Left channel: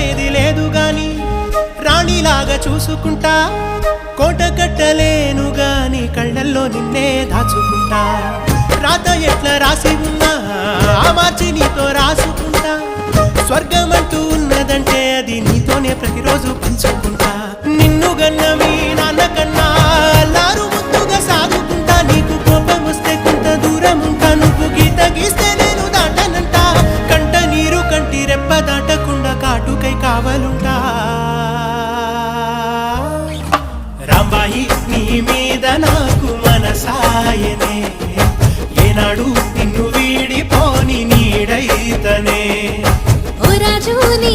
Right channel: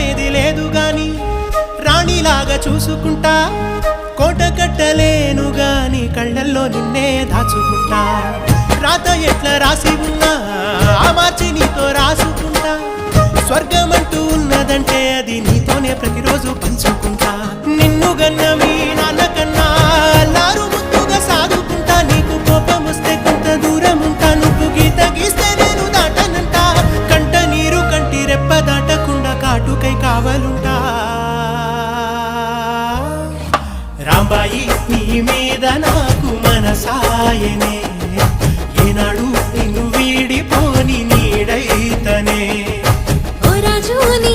నమ్మేది లేదు గాని రాణిలాగా చూసుకుంటా కోట కట్టలేను గాని కళ్ళల్లో నిన్నే దాచుకుంటా రాత ఎట్లా రాసి ఉన్నా మార్చి నీతో రాసుకుంటా స్వర్గమంటూ ఉన్నదంటే అది నీతోనే ప్రతిరోజు పంచుకుంటా నిన్ను గన్న మీ నాన్న కన్నా లారు ముద్దుగా సాదుకుంటా నీకు కోపం వస్తే కొంత దూరం ఉంటా నువ్వు గీత గీస్తే నేను దాటనంట కంట నీరు కంటి రెప్ప దాటకుండా కాటుకై కావలుంటా రాంబాయి నీ మీద నాకు మనసాయనే ఏనాడు నిన్ను వీడిపోని నీడైతనే ఓ రాజు నీ